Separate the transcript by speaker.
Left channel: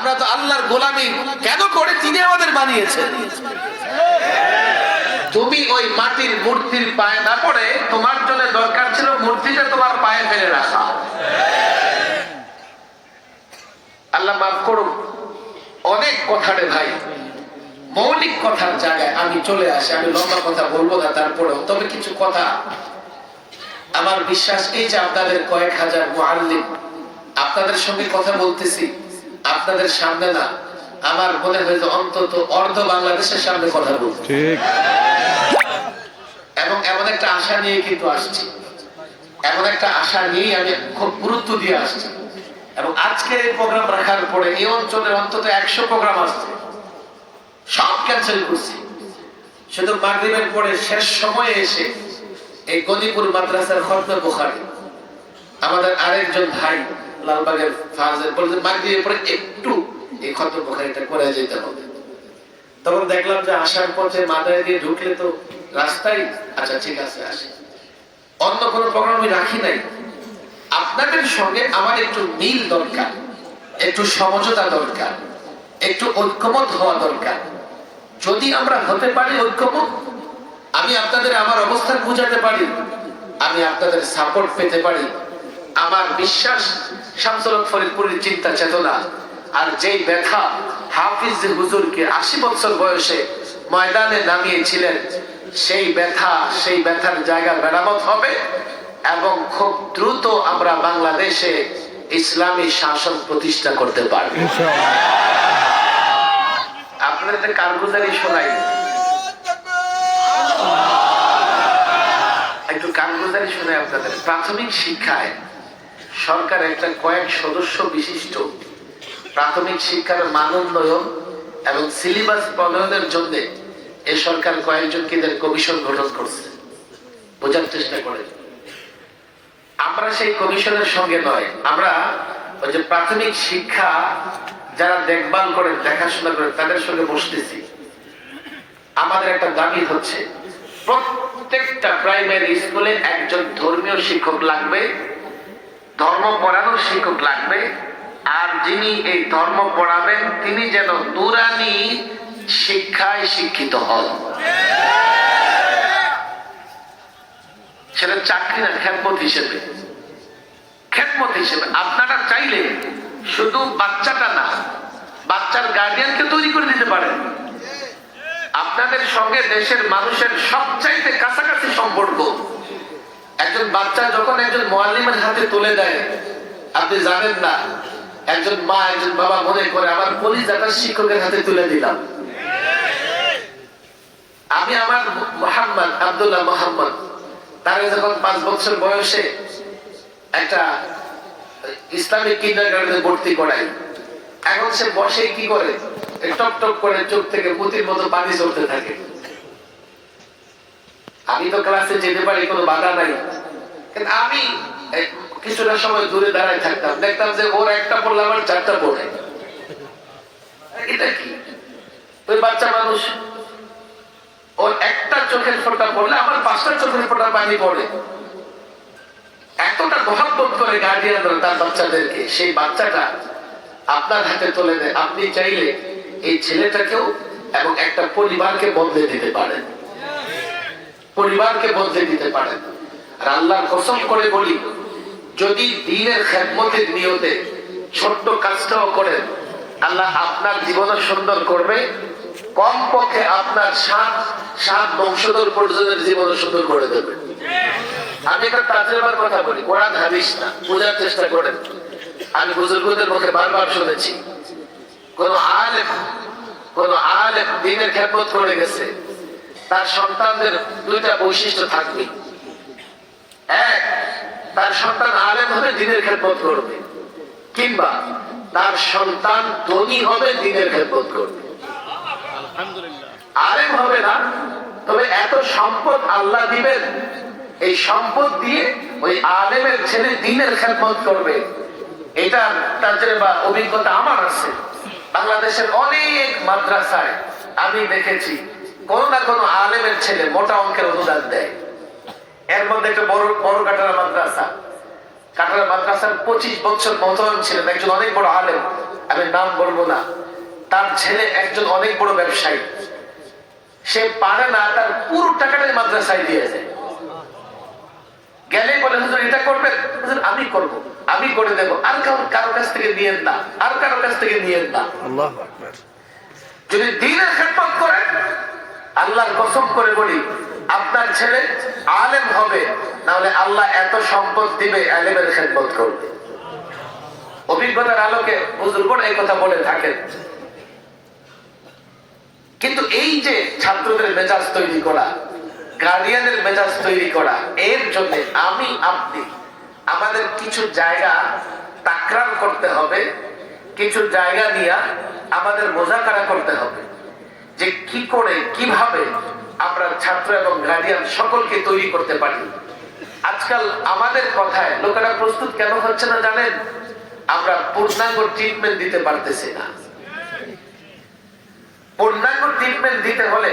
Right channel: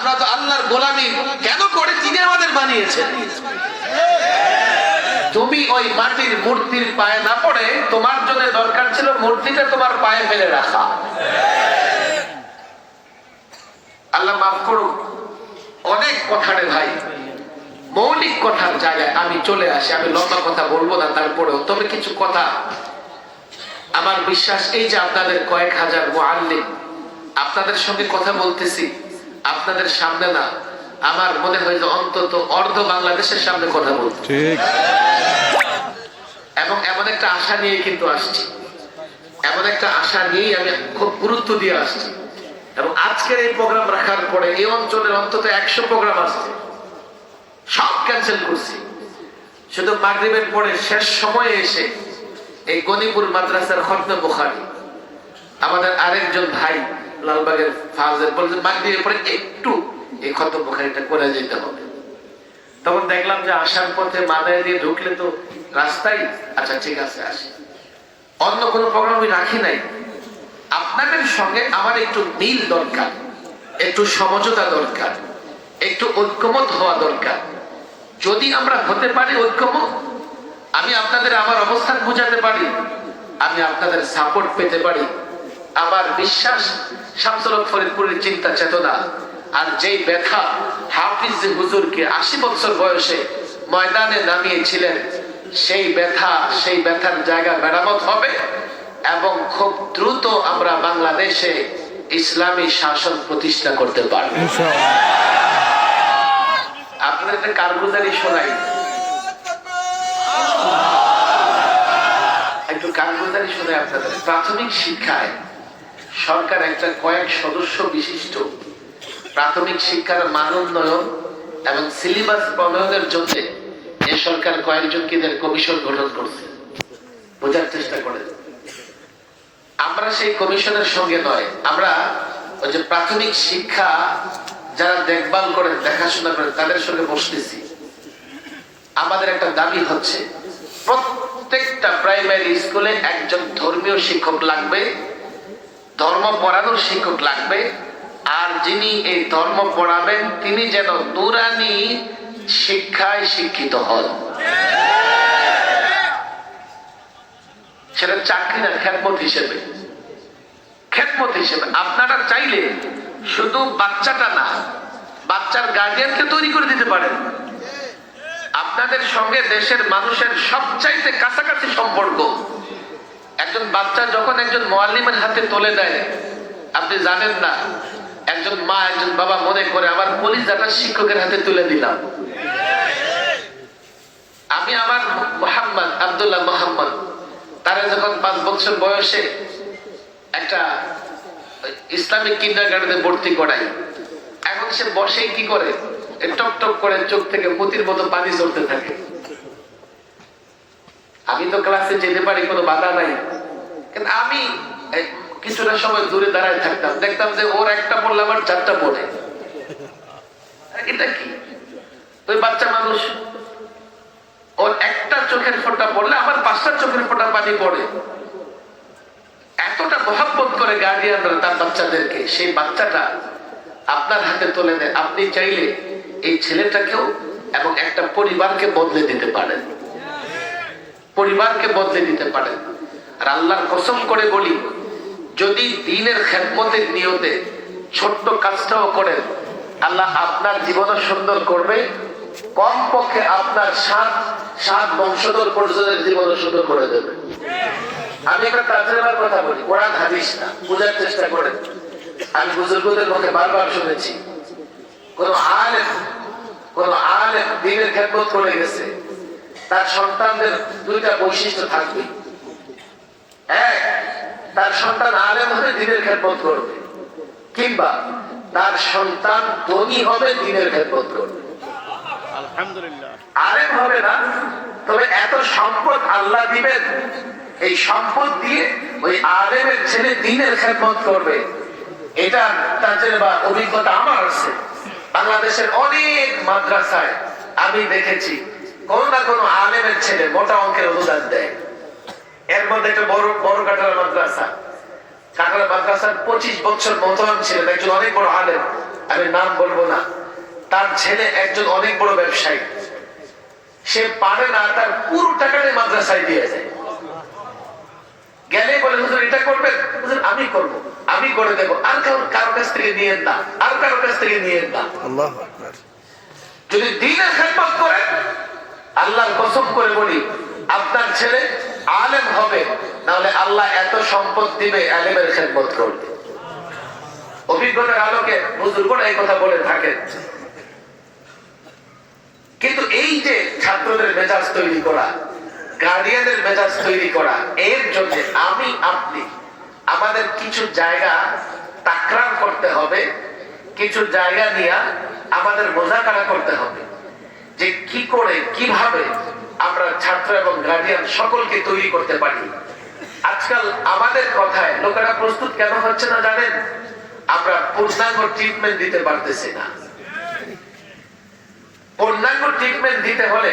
Speaker 1: আমরা তো আল্লাহর গোলামি কেন করে? তিনি আমাদের বানিয়েছেন। তুমি ওই মাটির মূর্তির পায়ে না পড়ে, তোমার জন্য দরকার ছিল মূর্তিটা তোমার পায়ে ফেলে রাখা। আল্লাহ মাফ করুন। অনেক কথারে ভাই। মৌলিক কথার জায়গায় আমি চলে আসি, আমি লম্বা কথা বলব না তারপরেও, তবে কিছু কথা। আমার বিশ্বাস এই যে আপনাদের কয়েক হাজার মুআল্লিম, আপনাদের সঙ্গে কথা বলতেছি। আপনাদের সামনে না আমার মনে হয় যে অন্তত অর্ধ বাংলাদেশের সামনে কথা বলতে
Speaker 2: ঠিক।
Speaker 1: এবং এমন একটা আশা নিয়ে কিন্তু আসছি। এমন একটা আশা নিয়েই আমি খুব গুরুত্ব দিয়ে আসছি। এবং আজকের এই প্রোগ্রাম রাখার পরে এই অঞ্চলের অন্তত একশো প্রোগ্রাম আসছে সব ক্যান্সেল করছি। শুধু মাগরিবের পরে শেষ সময়ে এসে এই গনিপুর মাদ্রাসার খর্দ বোখারি। আমাদের আরেকজন ভাই লালবাগের ফাজের বলে মাগরিবের পরে একটু এই বোখারিটা করে যেতে হবে। তখন দেখলাম যে আসার পথে মাথায় দিয়ে ঢুকলে তো রাস্তায় আচ্ছা ঠিক আছে, আসি। অন্য কোনো প্রোগ্রাম আমি রাখি নাই। আপনাদের সঙ্গে আমার একটু মিল দরকার, একটু সমঝোতা দরকার, একটু ঐক্যমত হওয়া দরকার। যদি আমরা হতে পারি ঐক্যমত, আমি আপনাদের আমার অবস্থান বুঝাতে পারি, আমি আপনাদের সাপোর্ট পেতে পারি। আমার বিশ্বাস শামসুল ফরিদপুরের চিন্তা চেতনা আর যেই ব্যথা হাফিজ হুজুরকে আশি বছর বয়সে ময়দানে নামিয়েছিলেন সেই ব্যথা সেই ব্যথার জায়গা মেরামত হবে এবং খুব দ্রুত আমরা বাংলাদেশে ইসলামী শাসন প্রতিষ্ঠা করতে পারব।
Speaker 2: ইনশাআল্লাহ।
Speaker 1: আপনাদের একটা কারগুজারি শোনাই। একটু কারগুজারি শুনে আপনাদের। প্রাথমিক শিক্ষায় সরকার একটা কয়েক সদস্য বিশিষ্ট প্রাথমিক শিক্ষার মান উন্নয়ন এবং সিলেবাস প্রণয়নের জন্য এই সরকার কয়েকজন কিদের কমিশন গঠন করছে। বোঝার চেষ্টা করেন। আমরা সেই কমিশনের সঙ্গে নয়, আমরা ওই যে প্রাথমিক শিক্ষা যারা দেখভাল করেন, দেখাশোনা করেন, তাদের সঙ্গে বসতেছি। আমাদের একটা দাবি হচ্ছে, প্রত্যেকটা প্রাইমারি স্কুলে একজন ধর্মীয় শিক্ষক লাগবে। ধর্ম পড়ানোর শিক্ষক লাগবে। আর যিনি এই ধর্ম পড়াবেন, তিনি যেন নুরানি শিক্ষায় শিক্ষিত হন। সেটা চাকরি না খেদমত হিসেবে। খেদমত হিসেবে। আপনারা চাইলে শুধু বাচ্চাটা না, বাচ্চার গার্ডিয়ানকে তৈরি করে দিতে পারেন। আপনাদের সঙ্গে দেশের মানুষের সবচাইতে কাছাকাছি সম্পর্ক একজন বাচ্চা যখন একজন মোয়াল্লিমের হাতে তুলে দেয়, আপনি জানেন না, একজন মা, একজন বাবা মনে করে, আমার কলিজাটা শিক্ষকের হাতে তুলে দিলাম। আমি আমার মোহাম্মদ আব্দুল্লাহ মোহাম্মদ, তারা যখন পাঁচ বছর বয়সে একটা ইসলামিক কিন্ডার গার্ডেনে ভর্তি করাই, এখন সে বসে কি করে? টপ টপ করে চোখ থেকে পুতির মতো পানি চলতে থাকে। আমি তো ক্লাসে যেতে পারি, কোনো বাধা নাই। কিন্তু আমি কিছুটা সময় দূরে দাঁড়ায় থাকতাম, দেখতাম যে ওর একটা পড়লে আমার চারটা পড়ে এটা কি? ওই বাচ্চা মানুষ, ওর একটা চোখের পড়লে আমার পাঁচটা চোখের পানি পড়ে। এতটা করে গার্ডিয়ানরা তার বাচ্চাদেরকে, সেই বাচ্চাটা আপনার হাতে তুলে দেয়। আপনি চাইলে এই ছেলেটাকেও এবং একটা পরিবারকে বদলে দিতে পারেন। পরিবারকে বদলে দিতে পারেন। আর আল্লাহর কসম করে বলি, যদি দিনের খেদমতের নিয়তে ছোট্ট কাজটাও করেন, আল্লাহ আপনার জীবনও সুন্দর করবে। কম পক্ষে আপনার সাত সাত বংশধর পর্যন্ত জীবনও সুন্দর করে দেবে। আমি একটা কাজের কথা বলি, কোরআন হাদিস না, বোঝার চেষ্টা করেন। আমি বুজুর্গদের মুখে বারবার শুনেছি, কোন আলেম কোন আলেম দিনের খেদমত করে গেছে, তার সন্তানদের দুইটা বৈশিষ্ট্য থাকবে এক তার সন্তান আলেম হবে দিনের খেদমত করবে। কিংবা তার সন্তান ধনী হবে দিনের খেদমত করবে। আলেম হবে না তবে এত সম্পদ আল্লাহ দিবেন। এই সম্পদ দিয়ে ওই আলেমের ছেলে দিনের খেদমত করবে। এটা তাদের বা অভিজ্ঞতা আমার আছে। বাংলাদেশের অনেক মাদ্রাসায় আমি দেখেছি কোন না কোনো আলেমের ছেলে মোটা অঙ্কের অনুদান দেয়। এর মধ্যে একটা বড় বড় কাটার মাদ্রাসা। কাটার মাদ্রাসার পঁচিশ বছর মহতরাম ছিলেন একজন অনেক বড় আলেম। আমি নাম বলব না। তার ছেলে একজন অনেক বড় ব্যবসায়ী। সে পারে না তার পুরো টাকাটাই মাদ্রাসায় দিয়ে যায় গেলে বলে হুজুর এটা করবেন? হুজুর আমি করব। আমি করে দেবো। আর কারোর কারোর কাছ থেকে নিয়েন না। আর কারোর কাছ থেকে নিয়েন না।
Speaker 2: আল্লাহ আকবার।
Speaker 1: যদি দিনের খেদমত করেন আল্লাহর কসম করে বলি আপনার ছেলে আলেম হবে নাহলে আল্লাহ এত সম্পদ দিবে, আলেমের খেদমত করবে। অভিজ্ঞতার আলোকে বুজুর্গরা এই কথা বলে থাকেন। কিন্তু এই যে ছাত্রদের মেজাজ তৈরি করা গার্ডিয়ানের মেজাজ তৈরি করা, এর জন্য আমি, আপনি, আমাদের কিছু জায়গা তাকরাম করতে হবে, কিছু জায়গা নিয়ে আমাদের মোজাকারা করতে হবে। যে কি করে, কীভাবে আমরা ছাত্র এবং গার্ডিয়ান সকলকে তৈরি করতে পারি। আজকাল আমাদের কথায় লোকেরা প্রস্তুত কেন হচ্ছে না জানেন? আমরা পূর্ণাঙ্গ ট্রিটমেন্ট দিতে পারতেছি না। পূর্ণাঙ্গ ট্রিটমেন্ট দিতে হলে